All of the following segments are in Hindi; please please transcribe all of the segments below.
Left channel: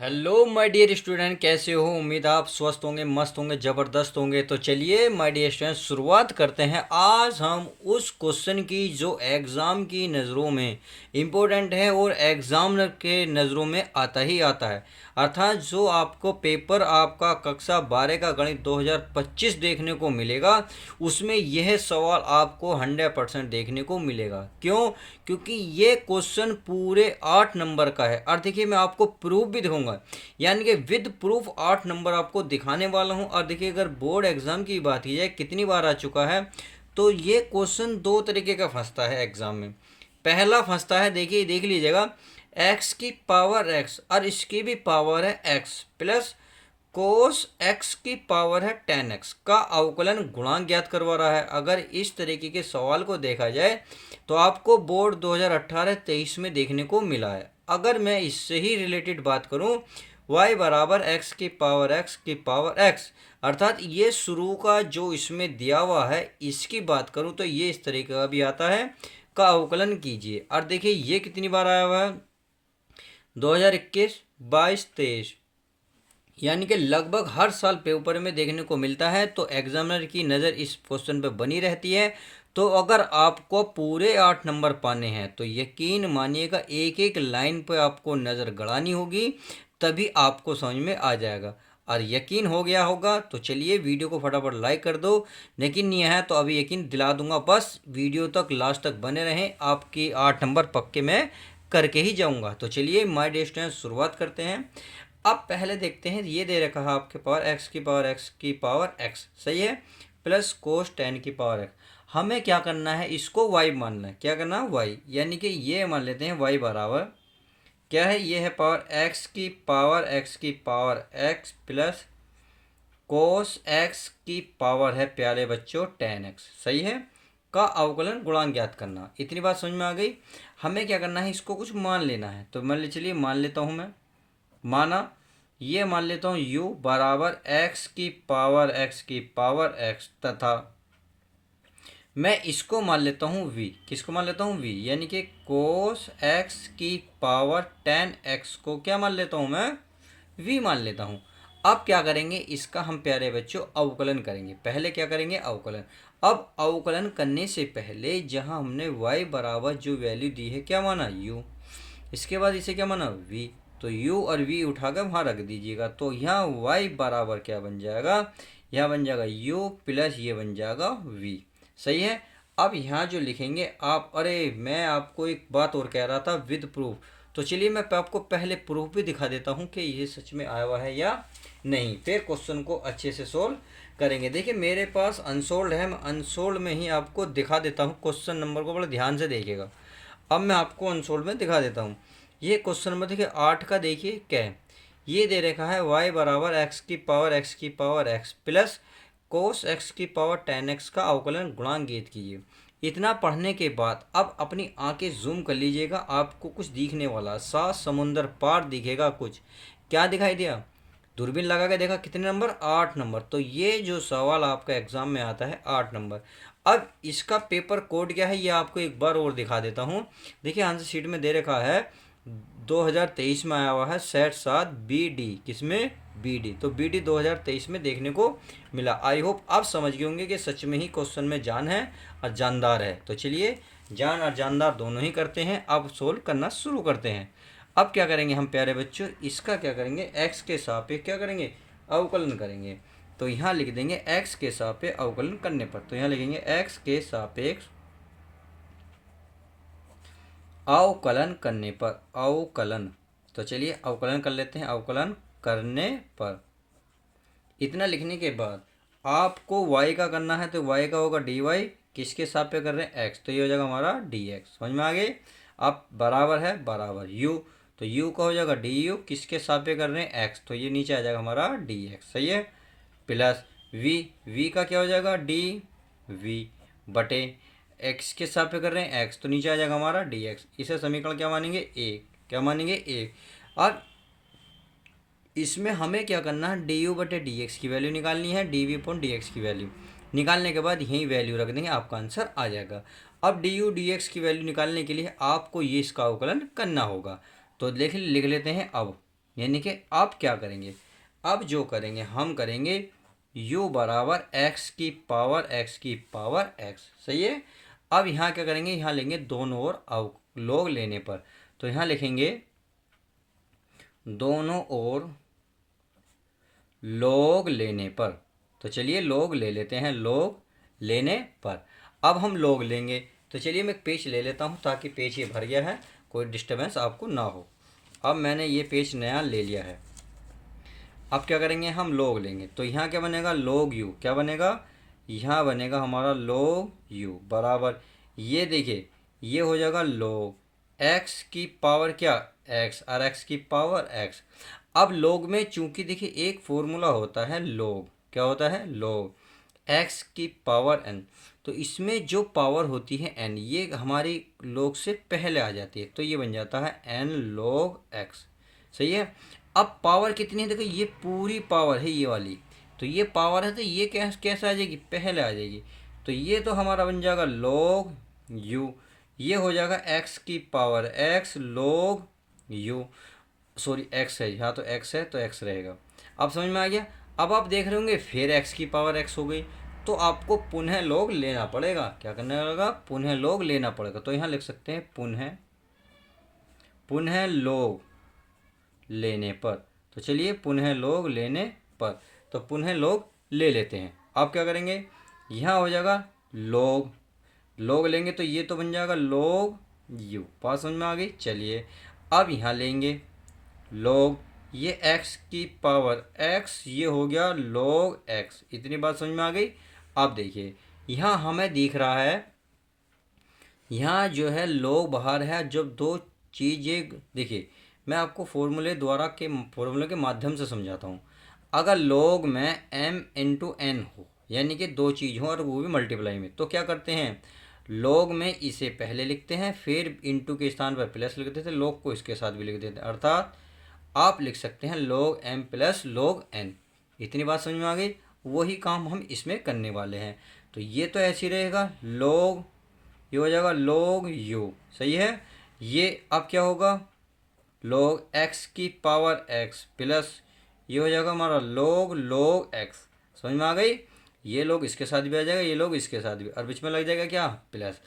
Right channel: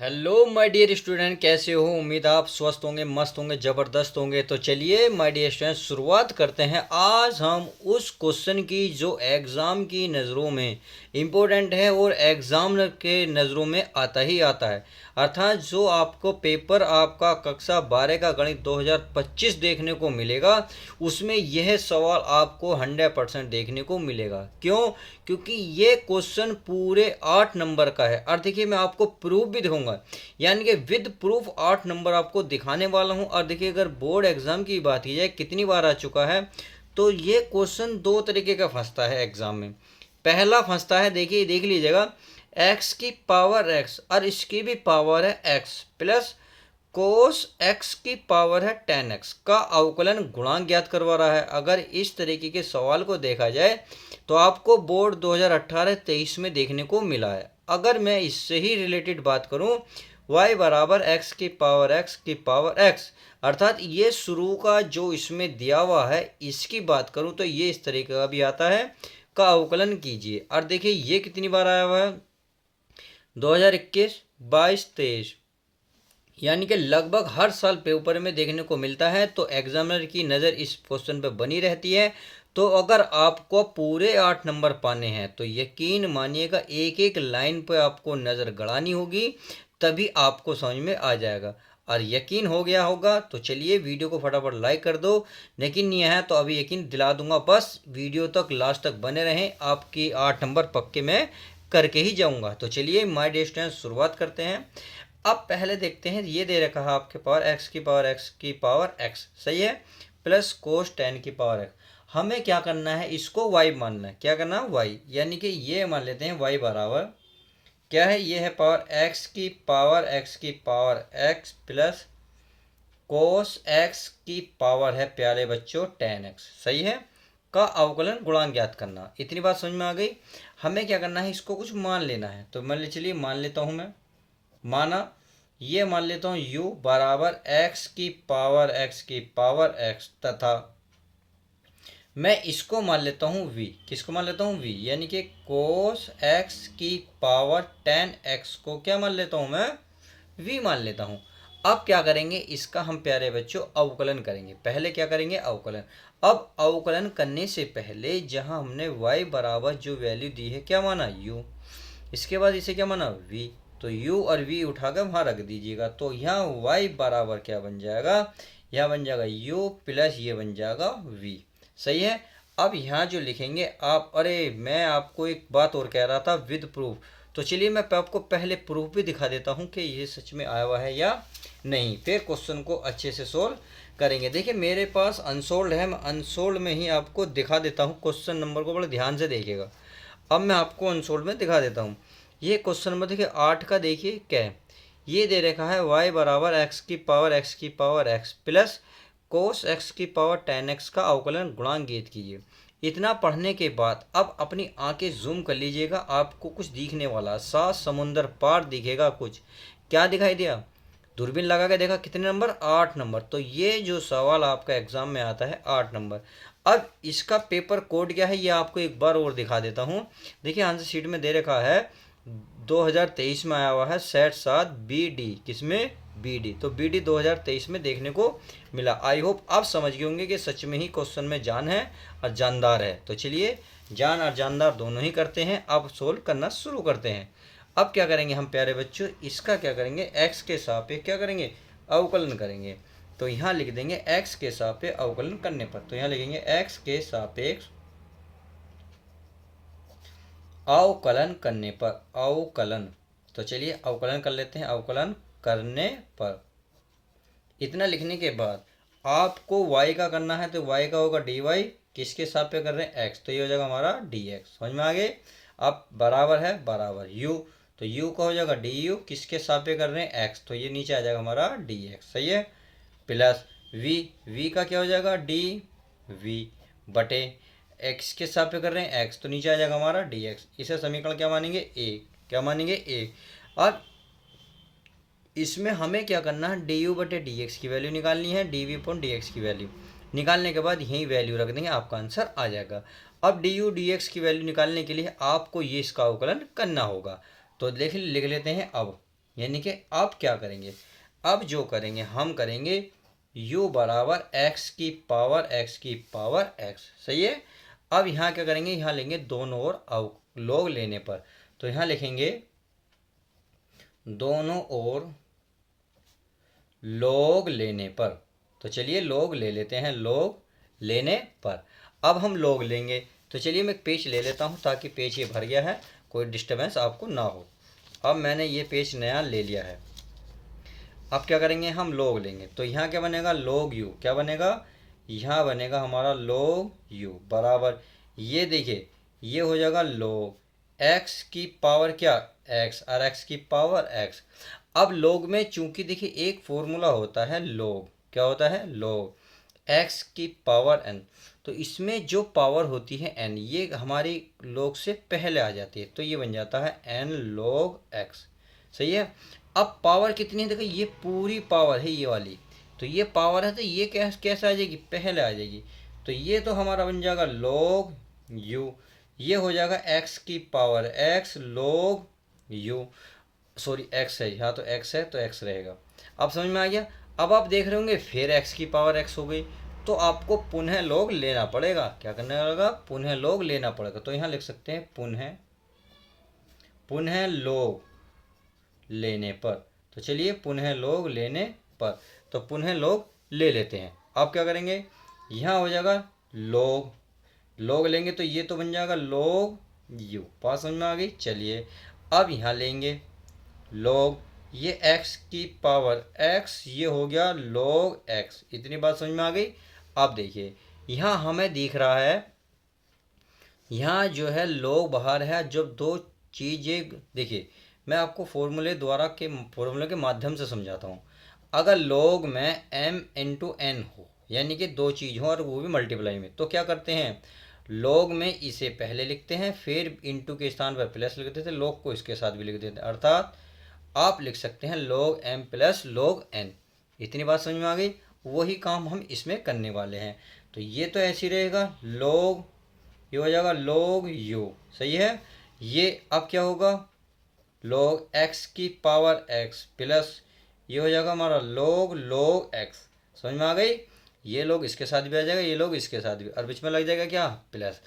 हेलो माय डियर स्टूडेंट, कैसे हो? उम्मीद आप स्वस्थ होंगे, मस्त होंगे, ज़बरदस्त होंगे। तो चलिए माय डियर स्टूडेंट, शुरुआत करते हैं। आज हम उस क्वेश्चन की जो एग्ज़ाम की नज़रों में इम्पोर्टेंट है और एग्ज़ाम के नज़रों में आता ही आता है, अर्थात जो आपको पेपर आपका कक्षा 12 का गणित 2025 देखने को मिलेगा, उसमें यह सवाल आपको 100% देखने को मिलेगा। क्यों? क्योंकि ये क्वेश्चन पूरे 8 नंबर का है। और देखिए, मैं आपको प्रूफ भी दिखाऊंगा, यानी कि विद प्रूफ 8 नंबर आपको दिखाने वाला हूं। और देखिए, अगर बोर्ड एग्जाम की बात की जाए कितनी बार आ चुका है, तो ये क्वेश्चन दो तरीके का फंसता है एग्जाम में। पहला फंसता है, देखिए देख लीजिएगा, एक्स की पावर एक्स और इसकी भी पावर है एक्स प्लस कोस एक्स की पावर है 10x का अवकलन गुणांक ज्ञात करवा रहा है। अगर इस तरीके के सवाल को देखा जाए तो आपको बोर्ड 2018-23 में देखने को मिला है। अगर मैं इससे ही रिलेटेड बात करूं, y बराबर एक्स की पावर एक्स की पावर एक्स, अर्थात ये शुरू का जो इसमें दिया हुआ है, इसकी बात करूं तो ये इस तरीके का भी आता है, का अवकलन कीजिए। और देखिए ये कितनी बार आया हुआ है, 2021, 22, 23, यानी कि लगभग हर साल पेपर में देखने को मिलता है। तो एग्जामिनर की नज़र इस क्वेश्चन पे बनी रहती है। तो अगर आपको पूरे 8 नंबर पाने हैं तो यकीन मानिएगा, एक एक लाइन पे आपको नज़र गड़ानी होगी, तभी आपको समझ में आ जाएगा। और यकीन हो गया होगा तो चलिए वीडियो को फटाफट लाइक कर दो। यकीन नहीं है तो अभी यकीन दिला दूंगा, बस वीडियो तक लास्ट तक बने रहें, आपकी 8 नंबर पक्के मैं करके ही जाऊंगा। तो चलिए माय डियर स्टूडेंट्स, शुरुआत करते हैं। अब पहले देखते हैं, ये दे रखा है आपके पावर एक्स की पावर एक्स की पावर एक्स, सही है, प्लस कोस 10 की पावर एक्स। हमें क्या करना है, इसको वाई मानना है। क्या करना है? वाई, यानी कि ये मान लेते हैं वाई बराबर क्या है, ये है पावर एक्स की power x plus cos x की पावर है प्यारे बच्चों 10x, सही है, का अवकलन गुणांक ज्ञात करना। इतनी बात समझ में आ गई। हमें क्या करना है, इसको कुछ मान लेना है। तो मान ले, चलिए मान लेता हूँ मैं, माना ये मान लेता हूँ u बराबर एक्स की पावर एक्स, तथा मैं इसको मान लेता हूँ v। किसको मान लेता हूँ? v, यानी कि कोस एक्स की पावर 10x को क्या मान लेता हूँ मैं? v मान लेता हूँ। अब क्या करेंगे, इसका हम प्यारे बच्चों अवकलन करेंगे। पहले क्या करेंगे? अवकलन। अब अवकलन करने से पहले जहाँ हमने y बराबर जो वैल्यू दी है, क्या माना? u, इसके बाद इसे क्या माना? v। तो u और v उठाकर वहाँ रख दीजिएगा। तो यहाँ y बराबर क्या बन जाएगा, यहाँ बन जाएगा u प्लस ये बन जाएगा v, सही है। अब यहाँ जो लिखेंगे आप, अरे मैं आपको एक बात और कह रहा था, विद प्रूफ। तो चलिए मैं आपको पहले प्रूफ भी दिखा देता हूँ कि ये सच में आया हुआ है या नहीं, फिर क्वेश्चन को अच्छे से सोल्व करेंगे। देखिए मेरे पास अनसोल्ड है, मैं अनसोल्ड में ही आपको दिखा देता हूँ। क्वेश्चन नंबर को बड़े ध्यान से देखिएगा। अब मैं आपको अनसोल्ड में दिखा देता हूँ। ये क्वेश्चन नंबर देखिए 8 का, देखिए क्या है, ये दे रखा है y बराबर एक्स की power x plus cos x की पावर 10x का अवकलन गुणांक ज्ञात कीजिए। इतना पढ़ने के बाद अब अपनी आंखें जूम कर लीजिएगा, आपको कुछ दिखने वाला, सात समुंदर पार दिखेगा कुछ। क्या दिखाई दिया? दूरबीन लगा के देखा, कितने नंबर? 8 नंबर। तो ये जो सवाल आपका एग्जाम में आता है 8 नंबर। अब इसका पेपर कोड क्या है, ये आपको एक बार और दिखा देता हूँ। देखिए आंसर शीट में दे रखा है 2023 में आया हुआ है सेट 7 बी डी, किसमें? B D. तो बी डी 2023 में देखने को मिला। आई होप आप समझ गए होंगे कि सच में ही क्वेश्चन में जान है और जानदार है। तो चलिए जान और जानदार दोनों ही करते हैं, अब सोल्व करना शुरू करते हैं। अब क्या करेंगे हम प्यारे बच्चों, इसका क्या करेंगे, एक्स के सापेक्ष क्या करेंगे, अवकलन करेंगे। तो यहाँ लिख देंगे एक्स के सापेक्ष अवकलन करने पर, तो यहाँ लिखेंगे एक्स के सापेक्ष अवकलन करने पर, अवकलन। तो चलिए अवकलन कर लेते हैं, अवकलन करने पर। इतना लिखने के बाद आपको y का करना है, तो y का होगा dy, किसके सापेक्ष कर रहे हैं? x, तो ये हो जाएगा हमारा dx। समझ में आ गए? अब बराबर है बराबर u, तो u का हो जाएगा du, किसके सापेक्ष कर रहे हैं? x, तो ये नीचे आ जाएगा हमारा dx, सही है, प्लस v का क्या हो जाएगा? dv बटे x के सापेक्ष कर रहे हैं x, तो नीचे आ जाएगा हमारा dx। इसे समीकरण क्या मानेंगे? a, क्या मानेंगे? a। और इसमें हमें क्या करना है, डी यू बटे डी एक्स की वैल्यू निकालनी है, d v upon d x की वैल्यू निकालने के बाद यही वैल्यू रख देंगे, आपका आंसर आ जाएगा। अब डी यू डी एक्स की वैल्यू निकालने के लिए आपको ये इसका अवकलन करना होगा। तो लिख लेते हैं। अब यानी कि अब क्या करेंगे, अब जो करेंगे हम करेंगे u बराबर x की पावर x। सही है। अब यहाँ क्या करेंगे, यहाँ लेंगे दोनों ओर log लेने पर, तो यहाँ लिखेंगे दोनों ओर log लेने पर। तो चलिए log ले लेते हैं, log लेने पर। अब हम log लेंगे, तो चलिए मैं एक पेज ले लेता हूँ ताकि पेज ये भर गया है, कोई डिस्टर्बेंस आपको ना हो। अब मैंने ये पेज नया ले लिया है। अब क्या करेंगे, हम log लेंगे, तो यहाँ क्या बनेगा, log u। क्या बनेगा, यहाँ बनेगा हमारा log u बराबर, ये देखिए ये हो जाएगा log x की पावर क्या x, और x की पावर x। अब log में चूंकि देखिए एक फॉर्मूला होता है log, क्या होता है log x की पावर n, तो इसमें जो पावर होती है n ये हमारी log से पहले आ जाती है, तो ये बन जाता है n log x। सही है। अब पावर कितनी है, देखो ये पूरी पावर है ये वाली, तो ये पावर है, तो ये कैसे आ जाएगी, पहले आ जाएगी। तो ये तो हमारा बन जाएगा log u, ये हो जाएगा x की power x log u, sorry x है, यहाँ तो x है तो x रहेगा। अब समझ में आ गया। अब आप देख रहे होंगे फिर x की पावर x हो गई, तो आपको पुनः log लेना पड़ेगा। क्या करना पड़ेगा, पुनः log लेना पड़ेगा। तो यहाँ लिख सकते हैं पुनः log लेने पर। तो चलिए पुनः log लेने पर, तो पुनः log ले लेते हैं। अब क्या करेंगे, यहाँ हो जाएगा log लेंगे, तो ये तो बन जाएगा log u। बात समझ में आ गई। चलिए अब यहाँ लेंगे log ये x की पावर x, ये हो गया log x। इतनी बात समझ में आ गई। अब देखिए यहाँ हमें दिख रहा है, यहाँ जो है log बाहर है, जब दो चीज़ें, देखिए मैं आपको फॉर्मूले के माध्यम से समझाता हूँ। अगर log में m इंटू n हो, यानी कि दो चीज़ हो और वो भी मल्टीप्लाई में, तो क्या करते हैं, log में इसे पहले लिखते हैं, फिर इंटू के स्थान पर प्लस लिख देते हैं, log को इसके साथ भी लिख देते हैं, अर्थात आप लिख सकते हैं log m plus log n। इतनी बात समझ में आ गई। वही काम हम इसमें करने वाले हैं। तो ये तो ऐसे ही रहेगा log, ये हो जाएगा log u। सही है। ये अब क्या होगा, log x की पावर x प्लस ये हो जाएगा हमारा log x। समझ में आ गई। ये लोग इसके साथ भी आ जाएगा, ये लोग इसके साथ भी, और बीच में लग जाएगा क्या, प्लस।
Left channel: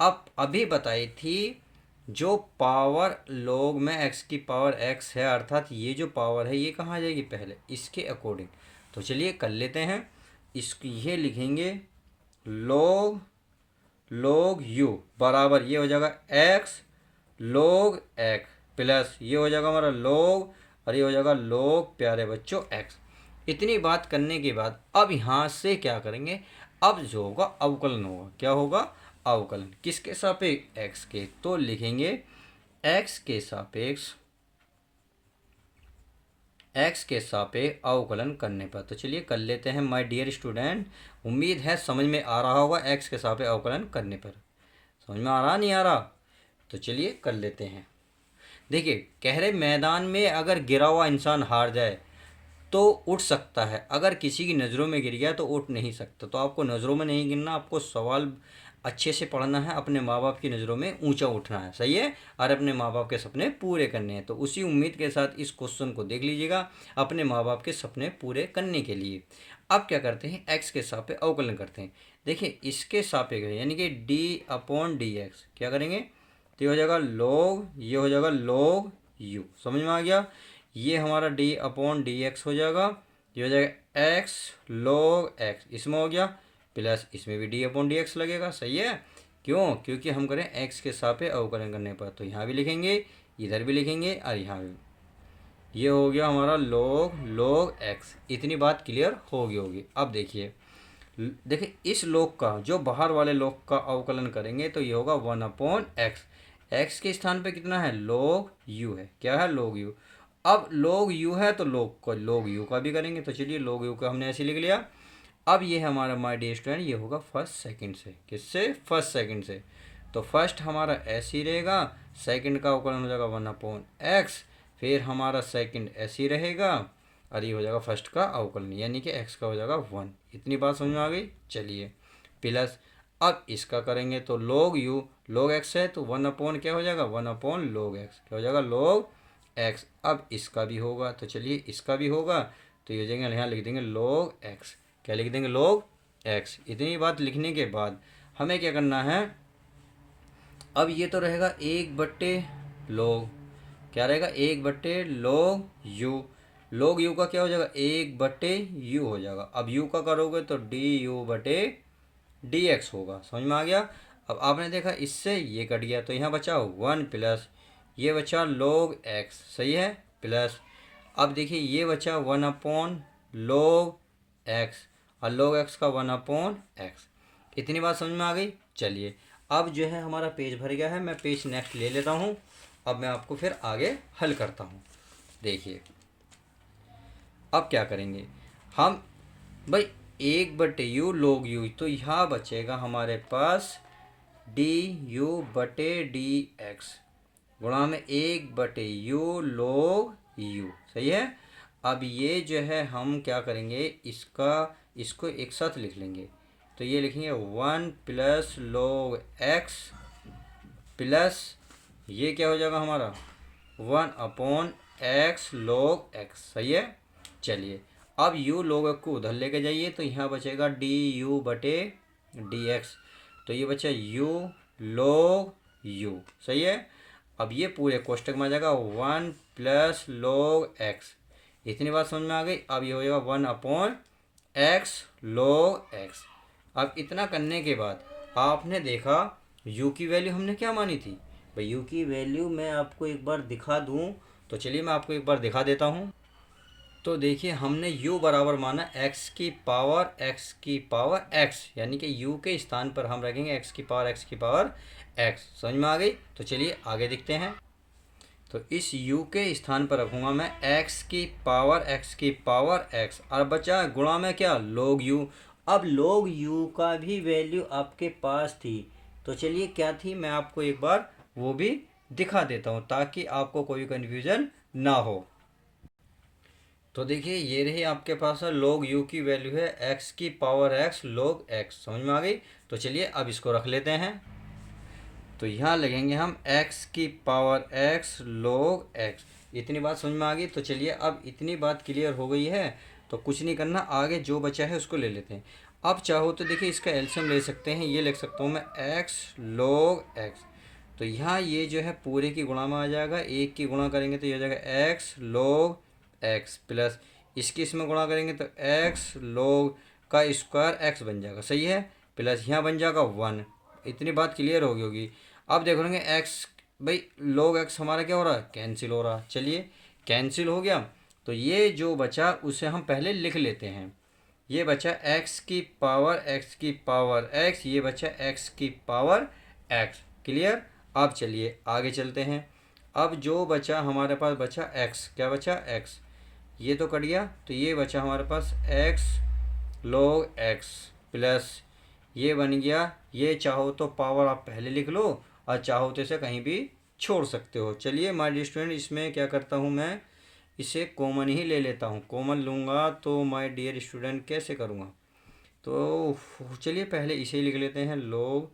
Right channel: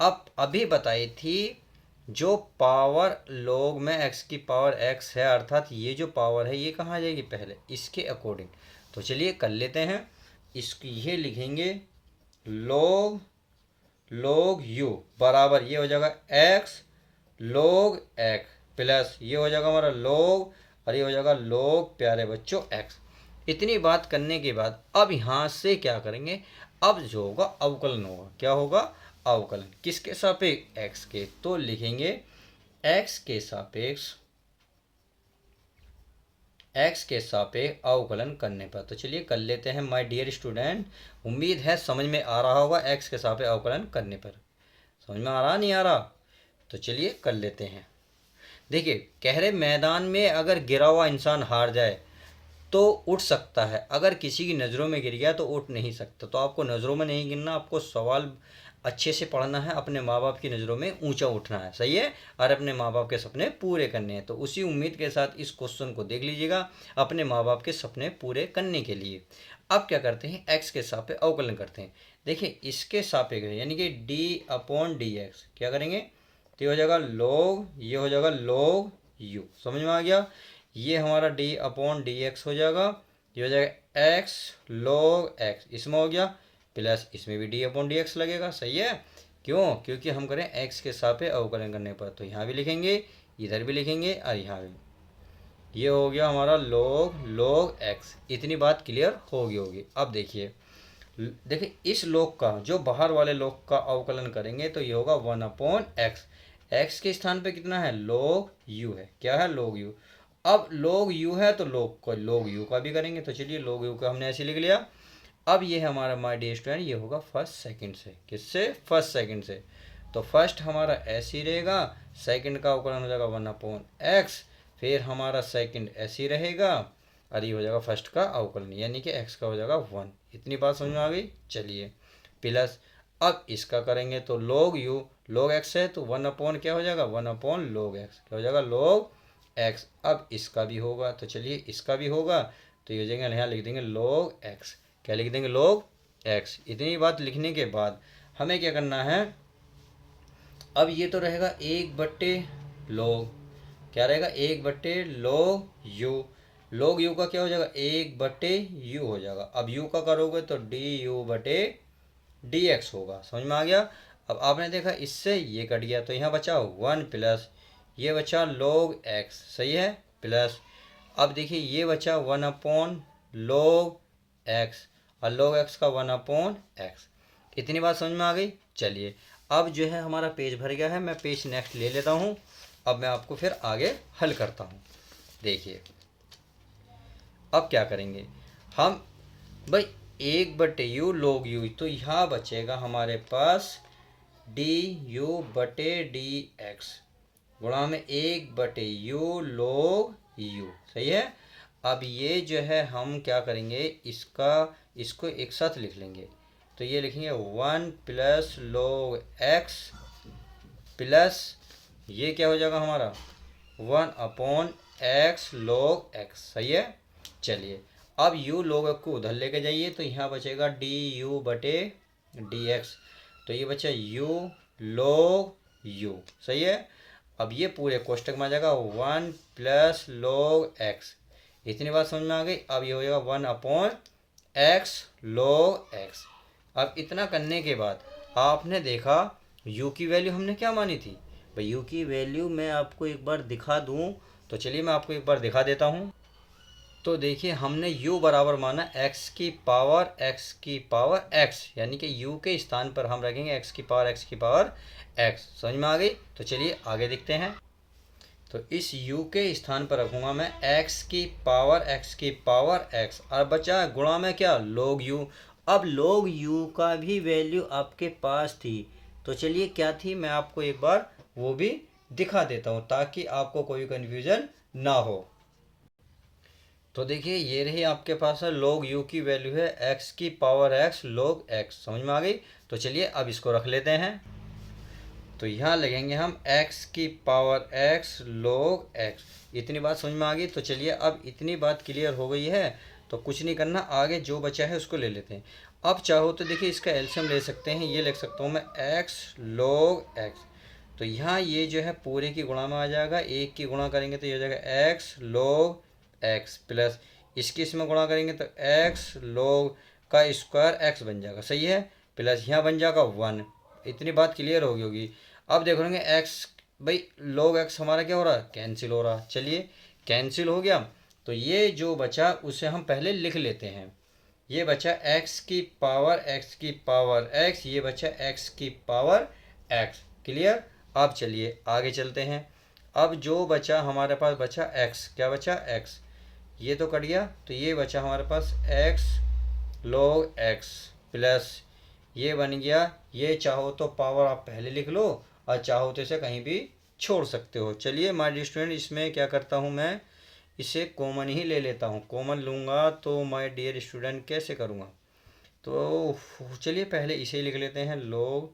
अब अभी बताई थी जो पावर log में x की पावर x है, अर्थात ये जो पावर है ये कहाँ आ जाएगी, पहले इसके अकॉर्डिंग। तो चलिए कर लेते हैं इसकी, ये लिखेंगे log u बराबर, ये हो जाएगा x log x प्लस ये हो जाएगा हमारा log, और ये हो जाएगा log प्यारे बच्चों x। इतनी बात करने के बाद अब यहाँ से क्या करेंगे, अब जो होगा अवकलन होगा। क्या होगा, अवकलन किसके सापेक्ष, x के। तो लिखेंगे x के सापेक्ष अवकलन करने पर। तो चलिए कर लेते हैं माय डियर स्टूडेंट। उम्मीद है समझ में आ रहा होगा x के सापेक्ष अवकलन करने पर। समझ में आ रहा, नहीं आ रहा, तो चलिए कर लेते हैं। देखिए कह रहे मैदान में अगर गिरा हुआ इंसान हार जाए तो उठ सकता है, अगर किसी की नज़रों में गिर गया तो उठ नहीं सकता। तो आपको नज़रों में नहीं गिरना, आपको सवाल अच्छे से पढ़ना है, अपने माँ बाप की नज़रों में ऊंचा उठना है। सही है। और अपने माँ बाप के सपने पूरे करने हैं। तो उसी उम्मीद के साथ इस क्वेश्चन को देख लीजिएगा, अपने माँ बाप के सपने पूरे करने के लिए। अब क्या करते हैं, x के सापेक्ष अवकलन करते हैं। देखिए इसके सापेक्ष यानी कि d/dx क्या करेंगे, तो ये हो जाएगा log, ये हो जाएगा log u। समझ में आ गया। ये हमारा d/dx हो जाएगा, ये हो जाएगा x log x, इसमें हो गया प्लस इसमें भी d/dx लगेगा। सही है। क्यों, क्योंकि हम करें x के सापेक्ष अवकलन करने पर। तो यहाँ भी लिखेंगे, इधर भी लिखेंगे, और यहाँ भी। ये हो गया हमारा log x। इतनी बात क्लियर होगी। अब देखिए इस log का, जो बाहर वाले log का अवकलन करेंगे तो ये होगा 1/x। x के स्थान पे कितना है, log u है। क्या है, log u। अब log u है तो log u का भी करेंगे। तो चलिए log u का हमने ऐसे लिख लिया। अब ये हमारा माय डियर स्टूडेंट, ये होगा फर्स्ट सेकंड से। किससे, फर्स्ट सेकंड से। तो फर्स्ट हमारा ऐसे ही रहेगा, सेकंड का अवकलन हो जाएगा 1/x, फिर हमारा सेकंड ऐसे ही रहेगा, और ये हो जाएगा फर्स्ट का अवकलन, यानी कि x का हो जाएगा 1। इतनी बात समझ में आ गई। चलिए प्लस अब इसका करेंगे तो log u, log x है तो 1/ क्या हो जाएगा, 1/log x। क्या हो जाएगा, log एक्स। अब इसका भी होगा, तो चलिए इसका भी होगा, तो ये जगह यहाँ लिख देंगे log एक्स। क्या लिख देंगे? log x. इतनी बात लिखने के बाद हमें क्या करना है, अब ये तो रहेगा 1/log, क्या रहेगा? 1/log u। log u का क्या हो जाएगा? 1/u हो जाएगा। अब u का करोगे तो du/dx होगा। समझ में आ गया? अब आपने देखा इससे ये कट गया, तो यहाँ बचा 1 प्लस ये बचा log x, सही है, प्लस अब देखिए ये बचा 1/log x, और log x का 1/x। इतनी बात समझ में आ गई? चलिए अब जो है हमारा पेज भर गया है, मैं पेज नेक्स्ट ले लेता हूँ। अब मैं आपको फिर आगे हल करता हूँ। देखिए अब क्या करेंगे हम भाई, 1/u log u, तो यहाँ बचेगा हमारे पास du/dx गुणा में 1/u log u, सही है। अब ये जो है हम क्या करेंगे, इसको एक साथ लिख लेंगे, तो ये लिखेंगे 1 प्लस log x प्लस ये क्या हो जाएगा हमारा 1/x log x, सही है। चलिए अब u log x को उधर लेके जाइए, तो यहाँ बचेगा du/dx, तो ये बचा u log u, सही है। अब ये पूरे कोष्टक में आ जाएगा 1 प्लस log x। इतनी बात समझ में आ गई? अब ये हो जाएगा 1/x log x। अब इतना करने के बाद आपने देखा u की वैल्यू हमने क्या मानी थी भाई, u की वैल्यू मैं आपको एक बार दिखा दूं, तो चलिए मैं आपको एक बार दिखा देता हूं। तो देखिए हमने u बराबर माना x की पावर x, यानी कि u के स्थान पर हम रखेंगे x की पावर x। समझ में आ गई? तो चलिए आगे देखते हैं। तो इस u के स्थान पर रखूँगा मैं x की पावर x, और बचा गुणा में क्या log u। अब log u का भी वैल्यू आपके पास थी, तो चलिए क्या थी मैं आपको एक बार वो भी दिखा देता हूँ, ताकि आपको कोई कन्फ्यूजन ना हो। तो देखिए ये रही आपके पास है log u की वैल्यू है x की पावर x log x। समझ में आ गई? तो चलिए अब इसको रख लेते हैं, तो यहाँ लगेंगे हम x की पावर x log x। इतनी बात समझ में आ गई? तो चलिए अब इतनी बात क्लियर हो गई है, तो कुछ नहीं करना, आगे जो बचा है उसको ले लेते हैं। अब चाहो तो देखिए इसका एलसीएम ले सकते हैं, ये लिख सकता हूँ मैं x log x। तो यहाँ ये जो है पूरे की गुणा में आ जाएगा, एक की गुणा करेंगे तो ये हो जाएगा x log x, प्लस इसकी इसमें गुणा करेंगे तो x log का स्क्वायर x बन जाएगा, सही है, प्लस यहाँ बन जाएगा 1। इतनी बात क्लियर होगी होगी। अब देख लेंगे x, भाई log x हमारा क्या हो रहा है, कैंसिल हो रहा है। चलिए कैंसिल हो गया, तो ये जो बचा उसे हम पहले लिख लेते हैं। ये बचा x की पावर x, ये बचा x की पावर x। क्लियर? अब चलिए आगे चलते हैं। अब जो बचा हमारे पास बचा x, क्या बचा x, ये तो कट गया, तो ये बचा हमारे पास x log x प्लस ये बन गया, ये चाहो तो पावर आप पहले लिख लो, और चाहो तो इसे कहीं भी छोड़ सकते हो। चलिए माय डियर स्टूडेंट, इसमें क्या करता हूँ मैं, इसे कॉमन ही ले लेता हूँ। कॉमन लूँगा तो माय डियर स्टूडेंट कैसे करूँगा, तो चलिए पहले इसे लिख लेते हैं, log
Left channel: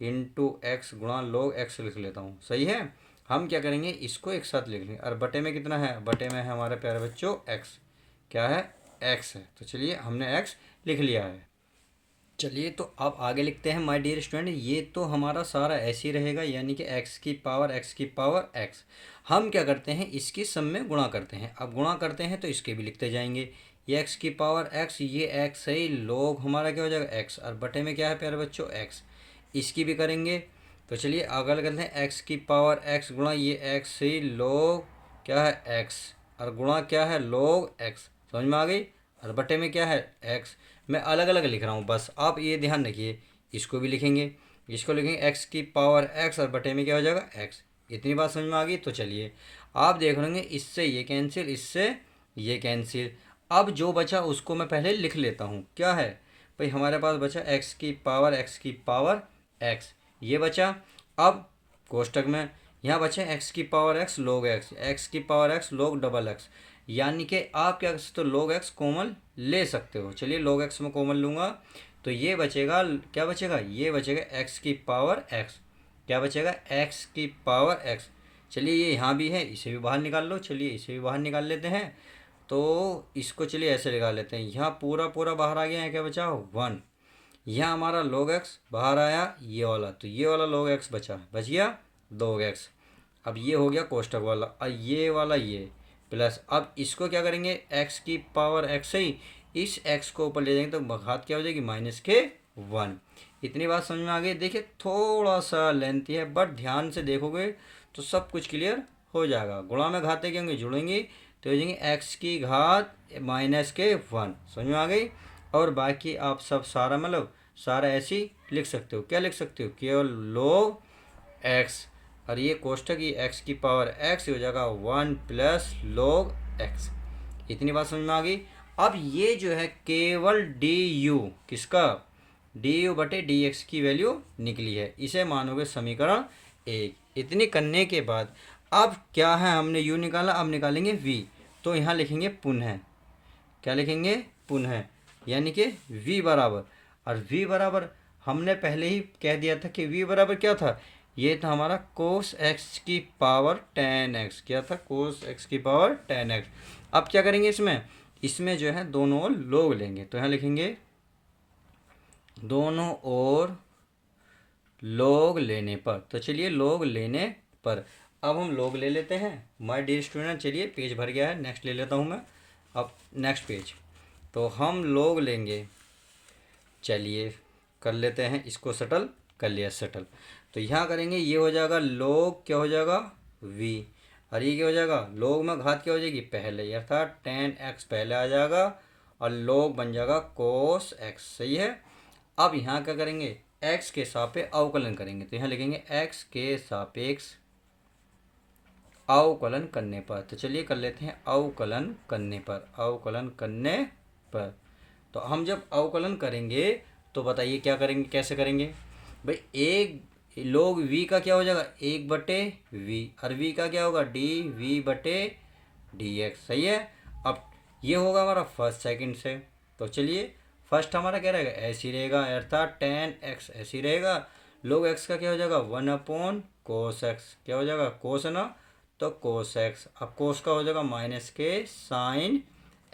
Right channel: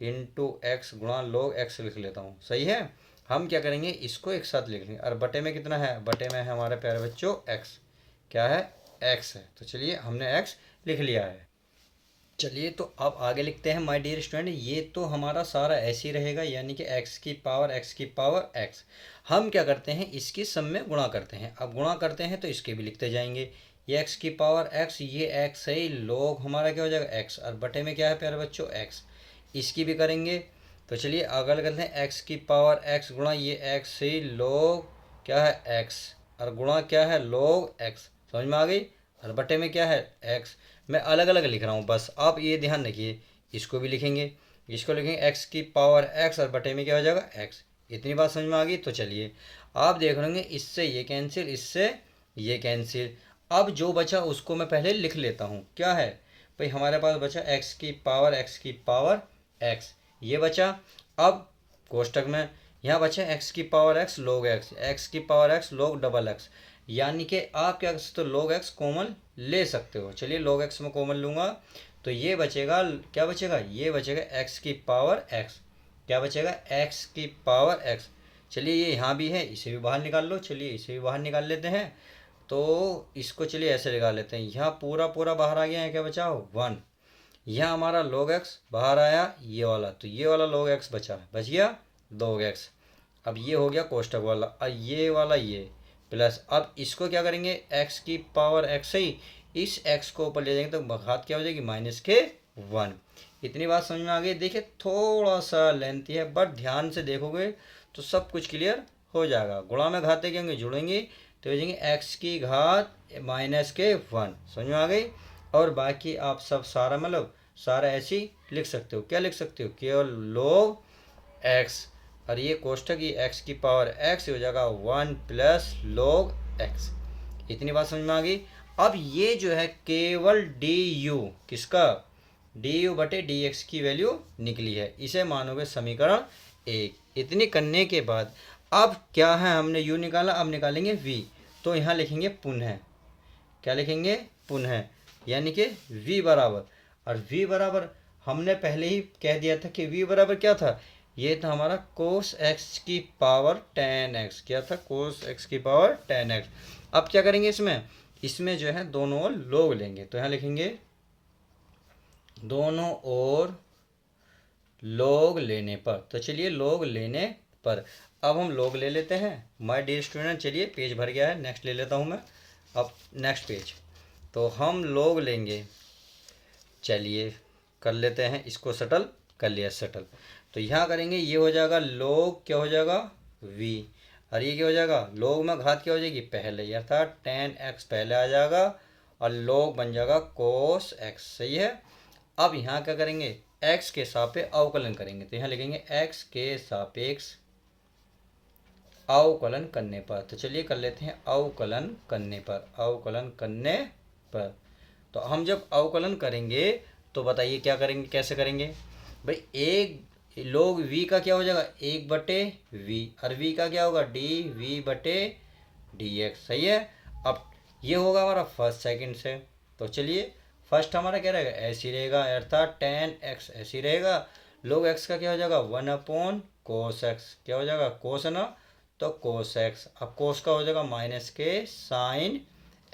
इंटू एक्स गुणा log x लिख लेता हूँ, सही है। हम क्या करेंगे, इसको एक साथ लिख लेंगे, और बटे में कितना है, बटे में है हमारे प्यारे बच्चों x, क्या है, x है। तो चलिए हमने x लिख लिया है। चलिए तो अब आगे लिखते हैं माय डियर स्टूडेंट, ये तो हमारा सारा ऐसे ही रहेगा, यानी कि x की पावर x। हम क्या करते हैं, इसकी सम में गुणा करते हैं। अब गुणा करते हैं तो इसके भी लिखते जाएंगे, ये x की पावर x, ये x है, log हमारा क्या हो जाएगा x, और बटे में क्या है प्यारे बच्चों x। इसकी भी करेंगे, तो चलिए आगे करते हैं, x की पावर x गुणा ये x है, log क्या है x, और गुणा क्या है log x। समझ में आ गई? और बटे में क्या है x। मैं अलग अलग लिख रहा हूँ बस, आप ये ध्यान रखिए। इसको भी लिखेंगे, इसको लिखेंगे x की पावर x, और बटे में क्या हो जाएगा x। इतनी बात समझ में आ गई? तो चलिए आप देख लेंगे, इससे ये कैंसिल, इससे ये कैंसिल। अब जो बचा उसको मैं पहले लिख लेता हूँ, क्या है भाई, हमारे पास बचा x की पावर x, ये बचा। अब कोष्टक में यहाँ बचा x की पावर x log x की power x log double x, यानी कि आप क्या कर सकते हो, log x कॉमन ले सकते हो। चलिए log x में कॉमन लूँगा, तो ये बचेगा, क्या बचेगा, ये बचेगा x की पावर x, क्या बचेगा x की पावर x। चलिए ये यहाँ भी है, इसे भी बाहर निकाल लो। चलिए इसे भी बाहर निकाल लेते हैं। तो इसको चलिए ऐसे निकाल लेते हैं, यहाँ पूरा पूरा बाहर आ गया है, क्या बचा 1। यहाँ हमारा log x बाहर आया ये वाला, तो ये वाला log x बच गया log x। अब ये हो गया कोष्टक वाला, और ये वाला ये प्लस। अब इसको क्या करेंगे, x की पावर x ही, इस x को ऊपर ले जाएंगे तो घात क्या हो जाएगी -1। इतनी बात समझ में आ गई। देखिए थोड़ा सा लेंथी है, बट ध्यान से देखोगे तो सब कुछ क्लियर हो जाएगा। गुणा में घाते क्या होंगे, जुड़ेंगे तो हो जाएंगे x की घात -1। समझ में आ गई। और बाकी आप सब सारा मतलब सारा ऐसे ही लिख सकते हो। क्या लिख सकते हो, केवल log x, और ये कोष्टक ये x की पावर x हो जाएगा 1 प्लस log x। इतनी बात समझ में आ गई। अब ये जो है केवल du, किसका, du बटे dx की वैल्यू निकली है, इसे मानोगे समीकरण 1। इतनी करने के बाद अब क्या है, हमने u निकाला, अब निकालेंगे v। तो यहाँ लिखेंगे पुनः, क्या लिखेंगे पुनः, यानी कि v बराबर, और v बराबर हमने पहले ही कह दिया था कि v बराबर क्या था, ये था हमारा कोस x की पावर tan x। क्या था, कोस x की पावर tan x। अब क्या करेंगे, इसमें जो है दोनों ओर log लेंगे, तो यहाँ लिखेंगे दोनों ओर log लेने पर। तो चलिए log लेने पर अब हम log ले लेते हैं। माय डियर स्टूडेंट, चलिए पेज भर गया है, नेक्स्ट ले लेता हूँ मैं। अब नेक्स्ट पेज, तो हम log लेंगे। चलिए कर लेते हैं इसको, सेटल कर लिया सेटल। तो यहाँ करेंगे, ये हो जाएगा log क्या हो जाएगा v, और ये क्या हो जाएगा log में घात क्या हो जाएगी पहले, अर्थात tan x पहले आ जाएगा और log बन जाएगा cos x। सही है। अब यहाँ क्या करेंगे, x के सापेक्ष अवकलन करेंगे, तो यहाँ लिखेंगे x के सापेक्ष अवकलन करने पर। तो चलिए कर लेते हैं अवकलन करने पर, अवकलन करने पर। तो हम जब अवकलन करेंगे तो बताइए क्या करेंगे, कैसे करेंगे भाई। एक log v का क्या हो जाएगा 1/v, और v का क्या होगा dv बटे dx। सही है। अब ये होगा हमारा फर्स्ट सेकंड से। तो चलिए फर्स्ट हमारा क्या रहेगा, ऐसे ही रहेगा, अर्थात tan x ऐसे ही रहेगा। log x का क्या हो जाएगा 1/cos x, क्या हो जाएगा cos है ना, तो cos x। अब cos का हो जाएगा माइनस के sin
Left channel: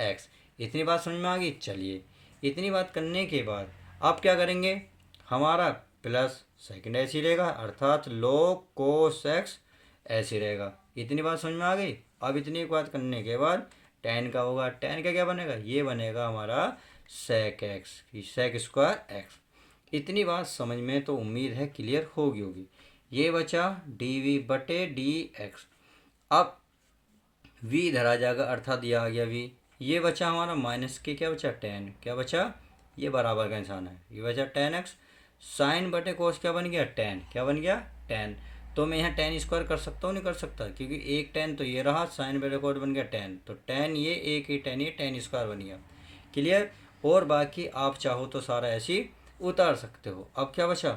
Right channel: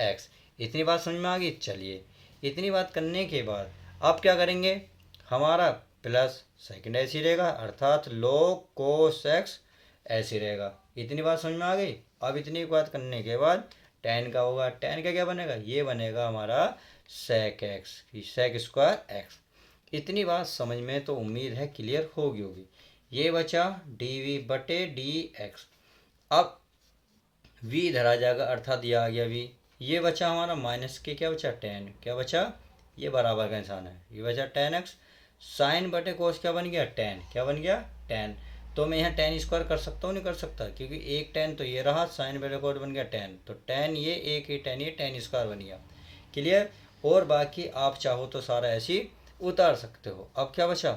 x। इतनी बात समझ में आ गई। चलिए इतनी बात करने के बाद अब क्या करेंगे, हमारा प्लस सेकंड ऐसे ही रहेगा, अर्थात log cos x ऐसे ही रहेगा। इतनी बात समझ में आ गई। अब इतनी बात करने के बाद tan का होगा, tan का क्या बनेगा, ये बनेगा हमारा sec x, sec square x। इतनी बात समझ में तो उम्मीद है क्लियर होगी। ये बचा dv बटे dx। अब v इधर आ जाएगा, अर्थात ये आ गया v। ये बचा हमारा माइनस के, क्या बचा tan, क्या बचा, ये बराबर का निशान है, ये बचा tan x। साइन बटे कोस क्या बन गया tan, क्या बन गया tan। तो मैं यहाँ tan स्क्वायर कर सकता हूँ, नहीं कर सकता, क्योंकि एक tan तो ये रहा, साइन बटे कोस बन गया tan, तो tan ये एक ही tan, ये tan स्क्वायर बन गया। क्लियर। और बाकी आप चाहो तो सारा ऐसे ही उतार सकते हो। अब क्या बचा,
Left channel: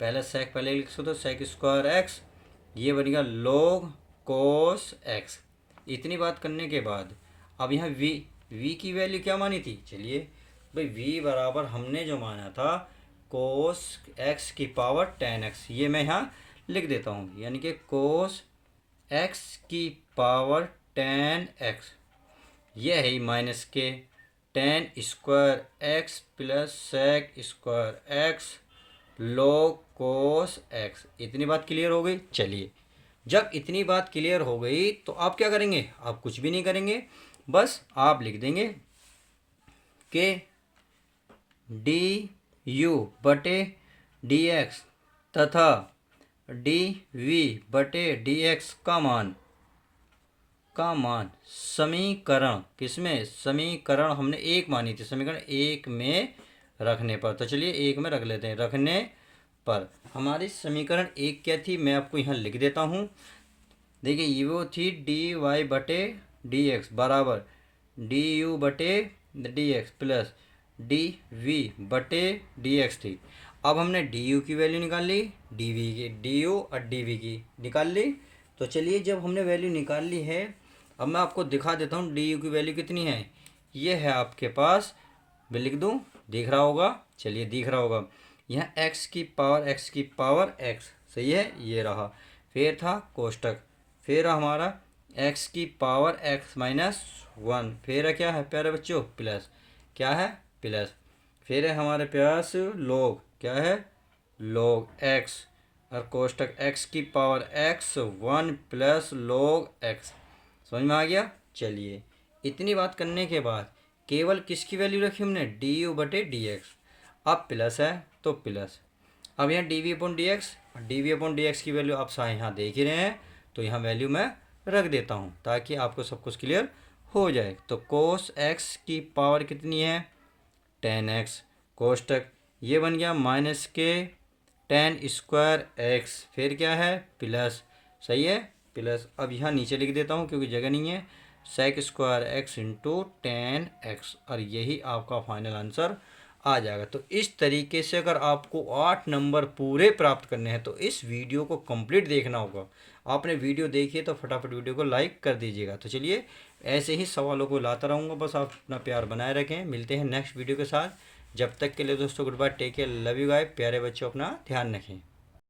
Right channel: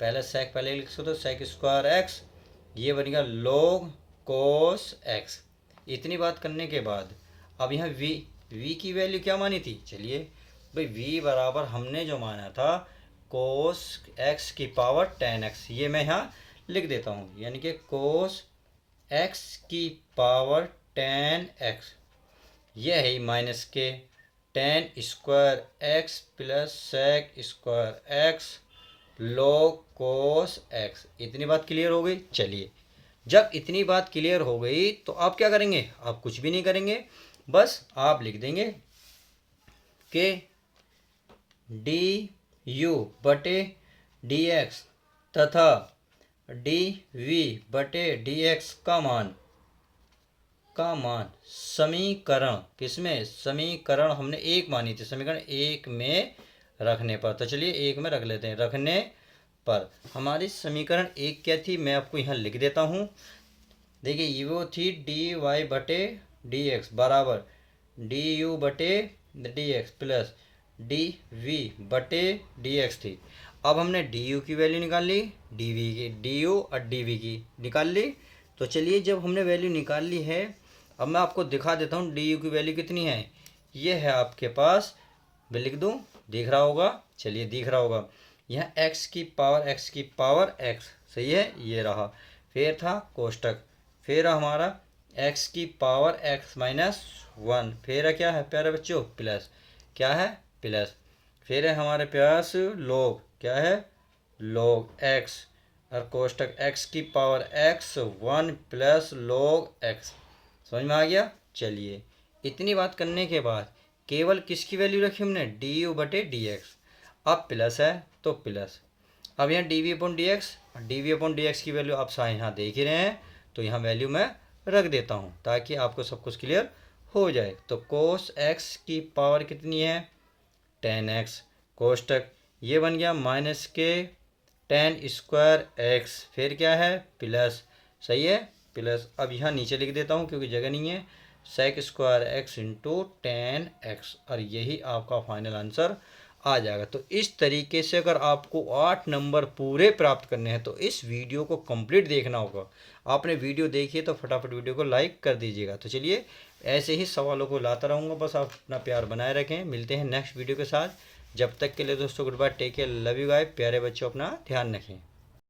पहले sec पहले लिख सकते हो, sec स्क्वायर x, ये बन गया log cos x। इतनी बात करने के बाद अब यहाँ v की वैल्यू क्या मानी थी, चलिए भाई v बराबर हमने जो माना था cos x की पावर tan x, ये मैं यहाँ लिख देता हूँ, यानी कि cos x की पावर tan x, ये है ही माइनस के tan square x plus sec square x log cos x। इतनी बात क्लियर हो गई। चलिए जब इतनी बात क्लियर हो गई तो आप क्या करेंगे, आप कुछ भी नहीं करेंगे, बस आप लिख देंगे कि du बटे dx तथा dv बटे dx का मान समीकरण, किसमें, समीकरण हमने एक मानी थी, समीकरण एक में रखने पर। तो चलिए एक में रख लेते हैं, रखने पर हमारी समीकरण एक क्या थी, मैं आपको यहाँ लिख देता हूँ। देखिए ये वो थी dy बटे dx बराबर du बटे dx प्लस dv बटे dx थी। अब हमने du की वैल्यू निकाल ली, dv की, du और dv की निकाल ली। तो चलिए जब हमने वैल्यू निकाल ली है, अब मैं आपको दिखा देता हूँ du की वैल्यू कितनी है। ये है आपके पास, मैं लिख दूँ, दिख रहा होगा, चलिए दिख रहा होगा, यहाँ x की पावर x, सही है, ये रहा। फिर था कोष्टक फिर हमारा एक्स की पावर एक्स माइनस वन, फिर क्या है प्यारे बच्चों प्लस, क्या है प्लस। फिर है हमारे पास log, क्या है log एक्स, और कोष्टक एक्स की power x one plus log x. समझ में आ गया। चलिए इतनी बात करने के बाद केवल किसकी वैल्यू रखी हमने, डी यू बटे डी एक्स। अब प्लस है तो प्लस, अब यहाँ d v upon d x, d v upon d x की वैल्यू आप यहाँ देख ही रहे हैं, तो यहाँ वैल्यू मैं रख देता हूँ ताकि आपको सब कुछ क्लियर हो जाए। तो कोस एक्स की पावर कितनी है, टेन एक्स, कोष्टक ये बन गया माइनस के टेन स्क्वायर एक्स, फिर क्या है प्लस, सही है प्लस। अब यहाँ नीचे लिख देता हूँ क्योंकि जगह नहीं है, sec square x into ten x, और यही आपका फाइनल आंसर आ जाएगा। तो इस तरीके से अगर आपको 8 नंबर पूरे प्राप्त करने हैं तो इस वीडियो को कंप्लीट देखना होगा। आपने वीडियो देखी है तो फटाफट वीडियो को लाइक कर दीजिएगा। तो चलिए ऐसे ही सवालों को लाता रहूँगा, बस आप अपना प्यार बनाए रखें। मिलते हैं नेक्स्ट वीडियो के साथ, जब तक के लिए दोस्तों good bye, take care, love you guys, प्यारे बच्चों अपना ध्यान रखें।